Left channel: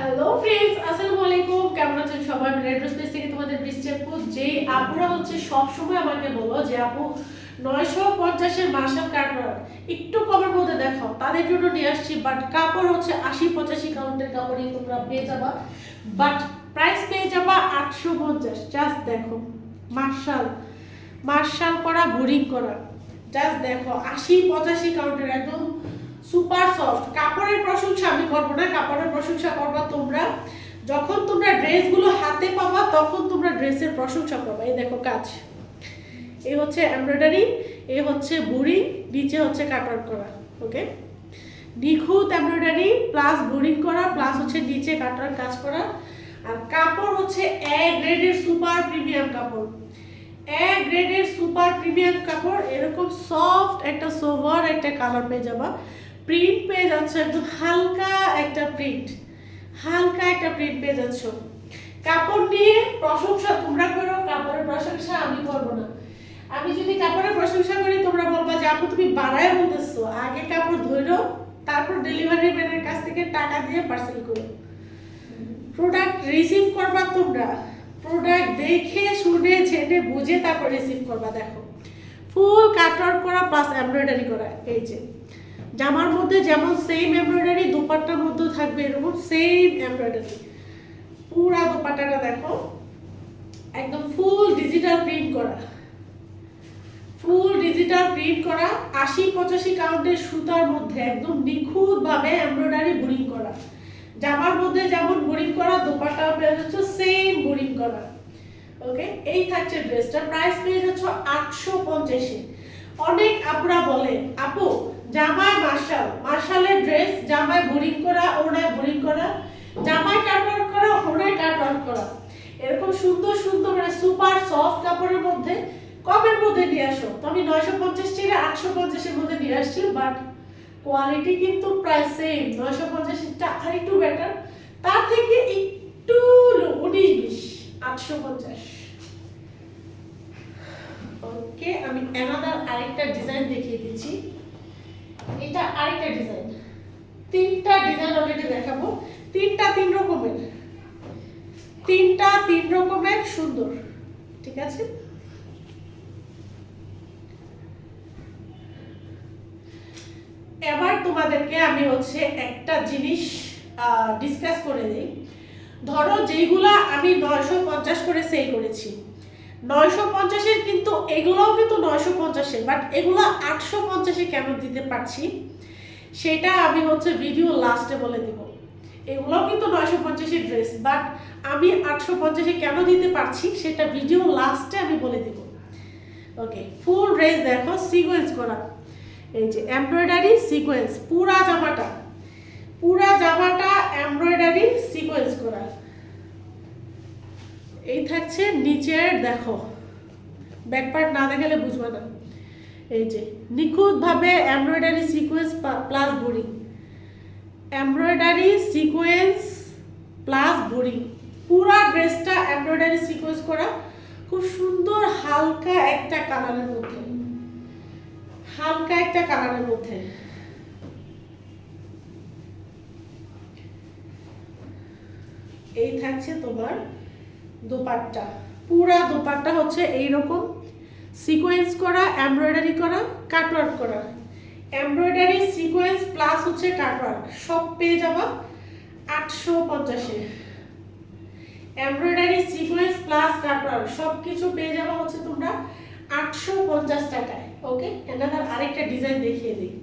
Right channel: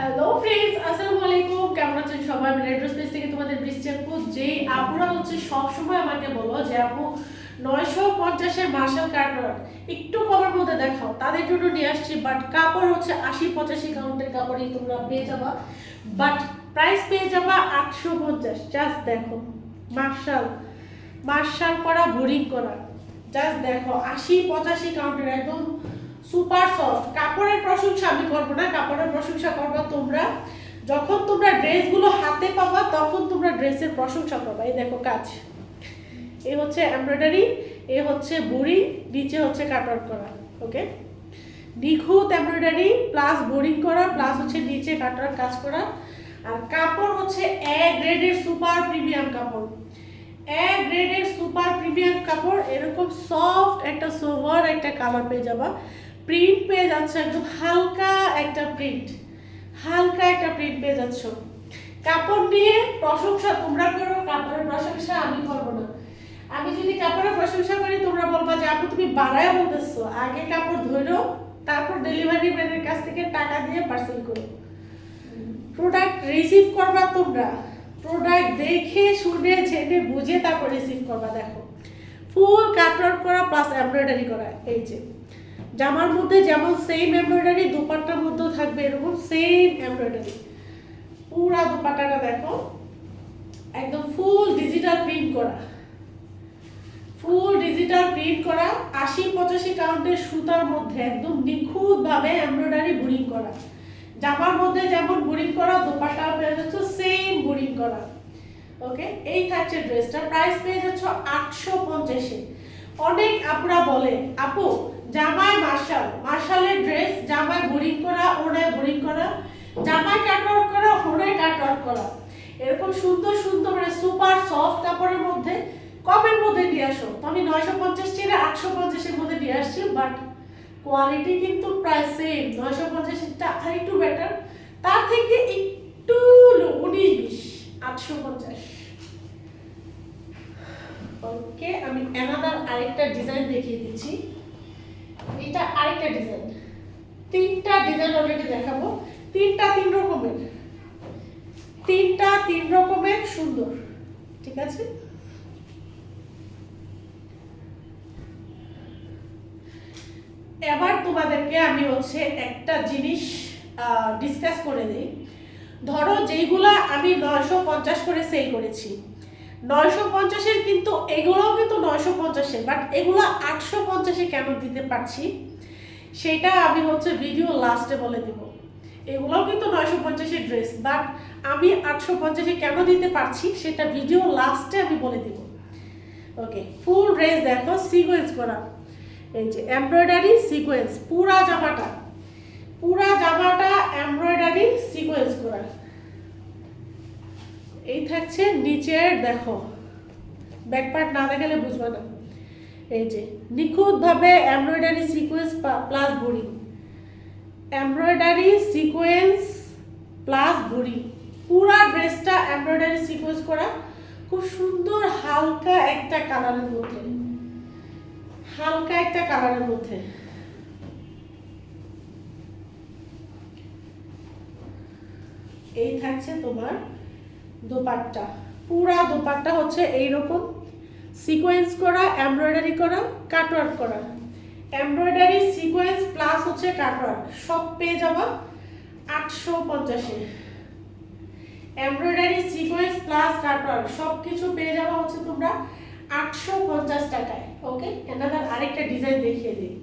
Hello friends আসসালামু আলাইকুম। কেমন আছেন সবাই? আমি রেড স্পেস থেকে তোমাদের আপু যে আপুরা হচ্ছে সব সময় আমাকে বলো যে, আপু, নয়শো পঞ্চাশের মার্শাল কাটার একটু কমের মধ্যে দেখাও। তাদের জন্য নিয়ে আসছি বাট কাপড় হচ্ছে আশি পঁচাশি কাউন্টের কাপড়ই তোমরা পেয়ে যাবা। বাট প্রাইস পেয়ে যাবা আটশো পঞ্চাশ। জাস্ট দেখো, মার্শাল মার্শাল করা, বোরিং করা। জাস্ট দেখো, আশি পঁচাশি কাউন্টের, একদম সুপার সফট কাপড়ের প্রশংসা, আমি করব না, কাপড়ের প্রশংসা করবা তোমরা। যখন তোমরা ড্রেসগুলো হাতে পাবা, তখন তোমরা ড্রেসের প্রশংসা করবা। এই দেখো কাজ। এই হচ্ছে এমব্রয়ডারি এ হচ্ছে বুড়ি, নিচে হচ্ছে কাটওয়ার্ক করা ওকে নিখুঁত এমব্রয়ডারি প্লাস বোরিং করা প্লাস হচ্ছে নিচে কাটার কাজ করা। আর কাপড় হচ্ছে এ গ্রেডের সুপার প্রিমিয়াম কাপড়। এক গ্রেডের সুপার প্রিমিয়াম কাপড়, এরকম সফট একটা সোভার একটা কালার পেয়ে যাবা। প্রিন্ট পেয়ে যাচ্ছ, একদম হালকা একটা প্রিন্ট হালকা একটা প্রিন্ট পেয়ে যাচ্ছ। কাপড় নিয়ে প্রশংসা তোমরা করো, কাপড়ের প্রশংসা আমি করব না। আমি যদি কাপড়ের প্রশংসা করি, তোমরা বলবা যে আপু, তুমি বাড়ায় বলতেছো, আগে কাপড় ধরো, তারপর ডেলিভারি ম্যানের কাছ থেকে টাকা দিয়ে পার্সেল করো। প্রোডাক্ট রিসিভ করবা তোমরা। প্রোডাক্ট দেখে, শুনে ছেড়ে বুঝে তারপর রিসিভ করবা, দেখো। ফুল কাটওয়ার্ক করা প্লাস এমব্রয়ডারি করা, এই যে। জামার মধ্যে যেমন সেম এমব্রয়ডারি দুপাট্টার মধ্যেও থাকবে এরকম সেম এমব্রয়ডারি পুরা দুপাট্টাটা দেখো, একদম ফুল ডিজিটাল প্রিন্ট করা। ফুল ডিজিটাল প্রিন্ট করা, আশি পঁচাশি কাউন্টের সুতার মধ্যে একদম নিখুঁতভাবে এমব্রয়ডারি বুরিং করা। জামার মধ্যে যেমন বুরিং করা দোপাটা পেয়ে যাচ্ছ সেম বুরিং করা। ওকে, এই থাকছে ড্রেসটা প্রাইস পেয়ে যাচ্ছ আটশো পঞ্চাশে। অনেক আপনারা বলে, আপু জামায় মার্শাল, মার্শালের ড্রেস জামায় বোরিং করা ওড়ায় বোরিং করা, জামায় কাটওয়ার্ক করা ওড়ায় কাটওয়ার্ক করা। এরকম সুন্দর সুন্দর মানে সুপার সফট কাপড়ের মধ্যে, কমের মধ্যে নিয়ে আসো। তো আমি নয়শো পঞ্চাশ ছিল আটশো পঞ্চাশের মধ্যে নিয়ে আসছি বাট কোয়ালিটি কিন্তু প্রায় সেম নয়শো পঞ্চাশেরটা আর একটু বেটার তার থেকে একটু উনিশ বিশ আটশো পঞ্চাশ। ওকে আমি অ্যানাদার আরেকটা ডিজাইন দেখিয়ে দিচ্ছি। আরেকটা ডিজাইন তিনটা ডিজাইন অলরেডি দেখাবো। তিনটা তিন রকমের। তিনটা তিন রকমের সুন্দর। ঠিক আছে? এবার তোমাদেরকে আমি হচ্ছে একটা জিনিস ডিসকাস করে দিই। ধরো যেইগুলা আমি নয়শো পঞ্চাশ করে সেল করেছি। নয়শো পঞ্চাশের কিন্তু এগুলোও কিন্তু নয়শো পঞ্চাশে বাট এগুলো আটশো পঞ্চাশে কেন দিতে পারছি? সেটা আমি হচ্ছে ভিডিও লাস্টে বলে দিব। এগুলোও কিন্তু নয়শো পঞ্চাশের ড্রেস বাট আমি আটশো পঞ্চাশে কেন দিতে পারছি সেটা ভিডিও লাস্টে আমি বলে দিব। ওকে ফুল ড্রেস দেখো সিকোয়েন্স করা। এই যে এমব্রয়ডারি সিকোয়েন্স পুরা জামাটা পুরা জামাটা এমব্রয়ডারি সিকোয়েন্স করা। এই থাকছে নিচের, দেখো। ব্যাকপার্ট না দেখালে বুঝবে না। এই যে, নিখুঁতভাবে এমব্রয়ডারি সিকোয়েন্স প্লাস বড়ি। এমব্রয়ডারি সিকোয়েন্স প্লাস বড়ি। পুরা ড্রেসটা এমব্রয়ডারি সিকোয়েন্স করা। খুব সুন্দর হালকা একটা কালারের মধ্যে। হালকা একটা কালারের মধ্যে। এই থাকছে তোমার দোপাট্টা। পুরা দোপাট্টা হচ্ছে এইরকম। সিকোয়েন্স করা, এমব্রয়ডারি করা, কাটওয়ার্ক করা। এমব্রয়ডারি, সিকোয়েন্স প্লাস হচ্ছে কাটওয়ার্ক। সব পেয়ে যাবা আটশো পঞ্চাশে। এমব্রয়ডারি, সিকোয়েন্স প্লাস কাটওয়ার্ক, সব কিছু পেয়ে যাবা হচ্ছে তোমরা আটশো পঞ্চাশ টাকায়। ওকে এনাদার আরেকটা ডিজাইন দেখিয়ে দিই।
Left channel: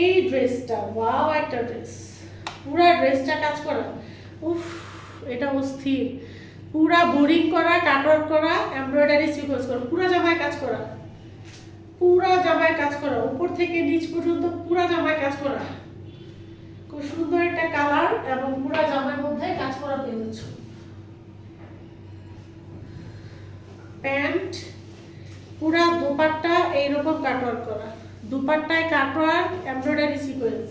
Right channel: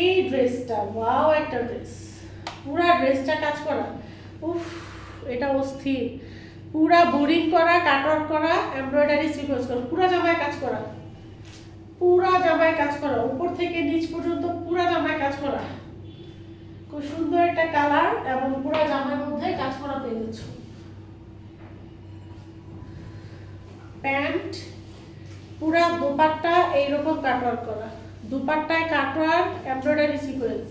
এই ড্রেসটা ওয়াও একটা ড্রেস পুরা ড্রেসটা কাজ করা। উফ, এটা অস্থির। পুরা বোরিং করা, কাটওয়ার্ক করা এমব্রয়ডারি সিকোয়েন্স করা, পুরা জামায় কাজ করা। পুরা জামায় কাজ করা, উপর থেকে নিচ পর্যন্ত পুরা জামায় কাজ করা। খুব সুন্দর একটা কালার এবং পুরা জামার মধ্যে কাজ করা পেয়ে যাচ্ছ। প্যান্ট, পুরা দোপাট্টা এইরকম কাটওয়ার্ক করা। দুপাট্টায় কাটওয়ার্ক এমব্রয়ডারি সিকোয়েন্স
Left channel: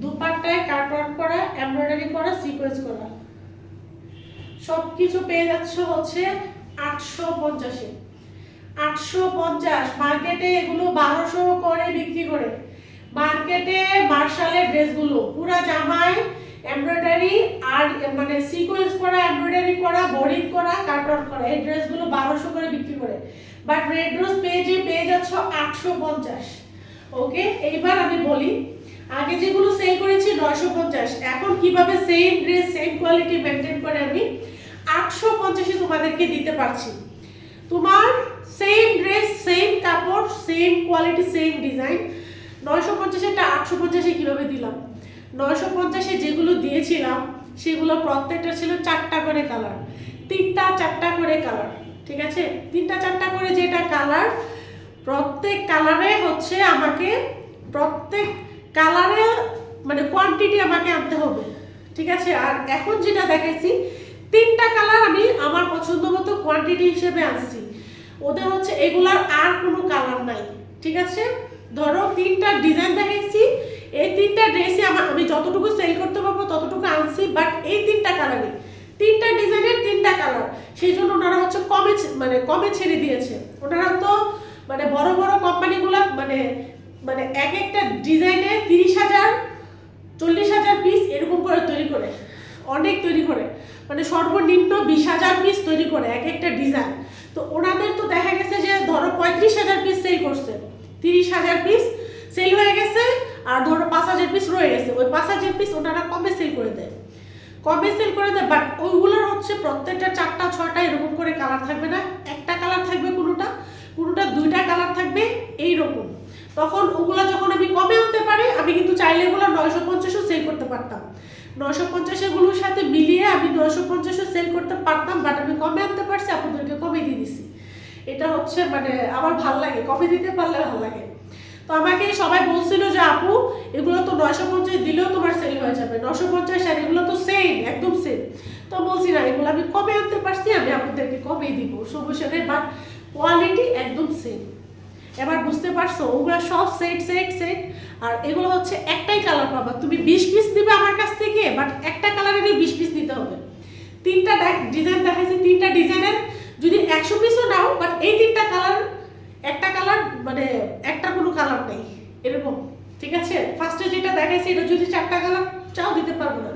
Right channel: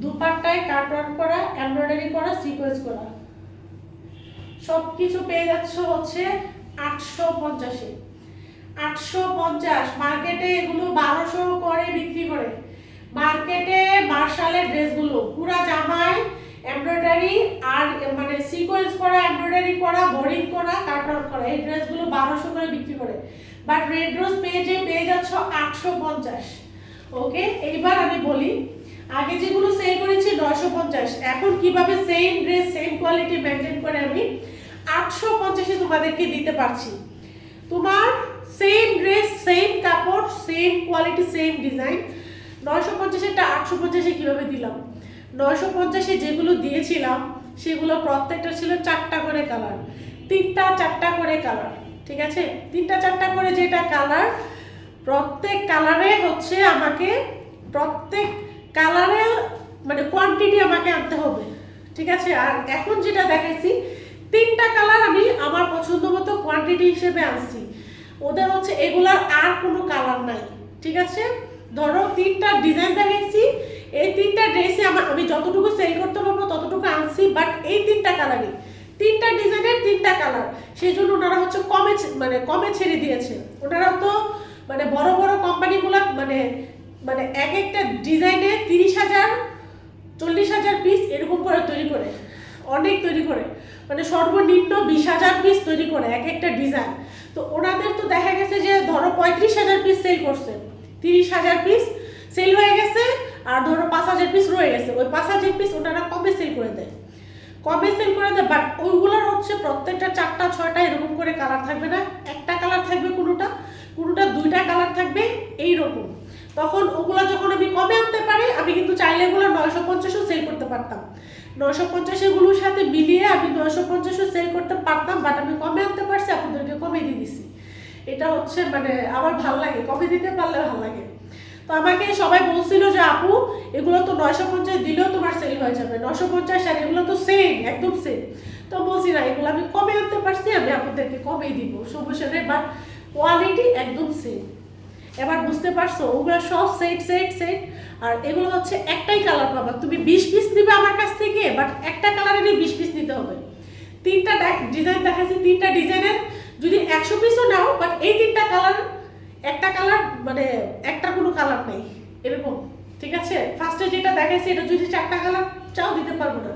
দুপাট্টায় কাটওয়ার্ক করা এমব্রয়ডারি করা সিকোয়েন্স করা। সব কিছু পেয়ে যাচ্ছ হচ্ছে আটশো পঞ্চাশে। আটশো পঞ্চাশ মার্কেটে এগুলো বারোশো করে বিক্রি করে। মার্কেটে মার্শালের ড্রেসগুলো, পুরা জামায় এমব্রয়ডারি আর মানে সিকোয়েন্স করা এমব্রয়ডারি করা বোরিং করা কাটওয়ার্ক করা, এই ড্রেসগুলো বারোশো করে বিক্রি করে। বাট রেড রোজ পেজে পেয়ে যাচ্ছ আটশো পঞ্চাশ। ওকে এইবার আমি বলি আগে যেগুলো সেল করেছি নয়শো পঞ্চাশ। এখন কীভাবে same dress same quality maintain করে আমি আটশো পঞ্চাশে তোমাদেরকে দিতে পারছি। তোমার সেম ড্রেস সেম কাপড় সেম কোয়ালিটি সেম ডিজাইন নয়শো পঞ্চাশেরটা আটশো পঞ্চাশে কীভাবে দিলাম? নয়শো পঞ্চাশে যেগুলো দিয়েছিলাম, সেগুলো প্রত্যেকটা ছিল চারটা করে কালার তিনটা, চারটা করে কালার ঠিক আছে? তিনটা, চারটা করে যেটা কালার প্রত্যেক কালারে হচ্ছে আমাকে প্রত্যেক কালারে মানে কোয়ান্টিটি আমাকে আনতে হবে, ঠিক আছে? আর এখন যেটা দেখাইছি তিনটা কালার আমি আমার পছন্দ মতো কোয়ান্টিটি হিসেবে আনছি। ওদের হচ্ছে এগুলার আর কোনো কালার নাই, ঠিক আছে? ধরো তিনটা ডিজাইন দেখাইছি এই তিনটা ড্রেসে আমার আমি যতটুকু সেল করতে পারব ততটুকু আনছি বাট এই তিনটা কালারই তিনটা ডিজাইনের তিনটা কালার সেই জন্য ওনারা হচ্ছে কমে মানে কমে ছেড়ে দিয়েছে। ওনারা তো মানে বড় বড় কোম্পানিগুলো মানে মানে এক একটা ডিজাইনে তিরিশ হাজার, চল্লিশ হাজার পিস এরকম করে তৈরি করে। অনেক তৈরি করে। মানে সর্বনিম্ন বিশ হাজার পিস তৈরি করে এক একটা ডিজাইন। তো ওনাদের তো দেখা গেছে যে ধরো পঁয়ত্রিশ হাজার পিস সেল করছে। তিরিশ হাজার পিস সেল হয়ে গেছে আর ধরো পাঁচ হাজার পিস রয়ে গেছে। ওই পাঁচ হাজার পিস ওনারা কমে সেল করে দেয়। কমে সেল করে দেয় বাট ওইগুলোর হচ্ছে প্রত্যেকটা চারটা, ছয়টা এরকম করে কালার থাকবে না। একটা কালার থাকবে কোনোটা কোনোটা দুইটা কালার থাকবে এই রকম তখন ওগুলো যখন আমি কমে আনতে পারি, আমি কিন্তু চাইলে এগুলো নয়শো পঞ্চাশও সেল করতে পারতাম। নয়শো পঞ্চাশ এগুলোর সাথে মিলিয়ে আমি নয়শো পঞ্চাশও সেল করতে পারতাম বাট আমি কমে আনতে পারছি আপনাদেরকে কমে দিয়ে দিছি। এটা হচ্ছে মানে আমার ভালো লাগে কমে দিতে পারলে ভালো লাগে। তো আমাকে সবাই বলছিল যে, আপু, এগুলো তো নয়শো পঞ্চাশ দিলেও তোমার সেল হয়ে যাবে। নশো পঞ্চাশ আর এগুলো তো সেম একদম সেম তো বলছি, না, এগুলো আমি কমে আনতে পারছি? আমি আপনাদেরকে কমেই দিব। নেই বাট কোয়ালিটি একদম সেম এবার বুঝতে পারছ, ওগুলো সব সেট সেট সেট আর এগুলো হচ্ছে একটাই কালার পাবা। তুমি বিশ পিস নিবে আমার কাছ থেকে বাট একটা কালারেরই বিশ পিস নিতে হবে। তিনটা ডিজাইন দেখাচ্ছি তিনটা ডিজাইনের যদি একশো পিসও নাও বাট এই তিনটা কালার একটা কালার মানে একটা কোনো কালার নেই। এরকম, ঠিক আছে? ফার্স্টে যেটা দেখাইছি, এটা যদি চারটা কালার চাও দিতে পারব না।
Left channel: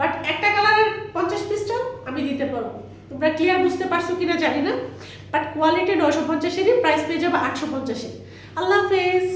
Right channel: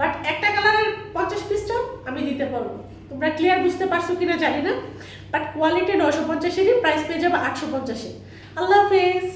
বাট একটা কালারের পঞ্চাশ পিসটাও আমি দিতে পারব। তোমরা ক্লিয়ার বুঝতে পারছ কিনা জানি না বাট কোয়ালিটি নয়শো পঞ্চাশেরই প্রাইস পেয়ে যাবে আটশো পঞ্চাশে। আল্লাহ হাফেজ।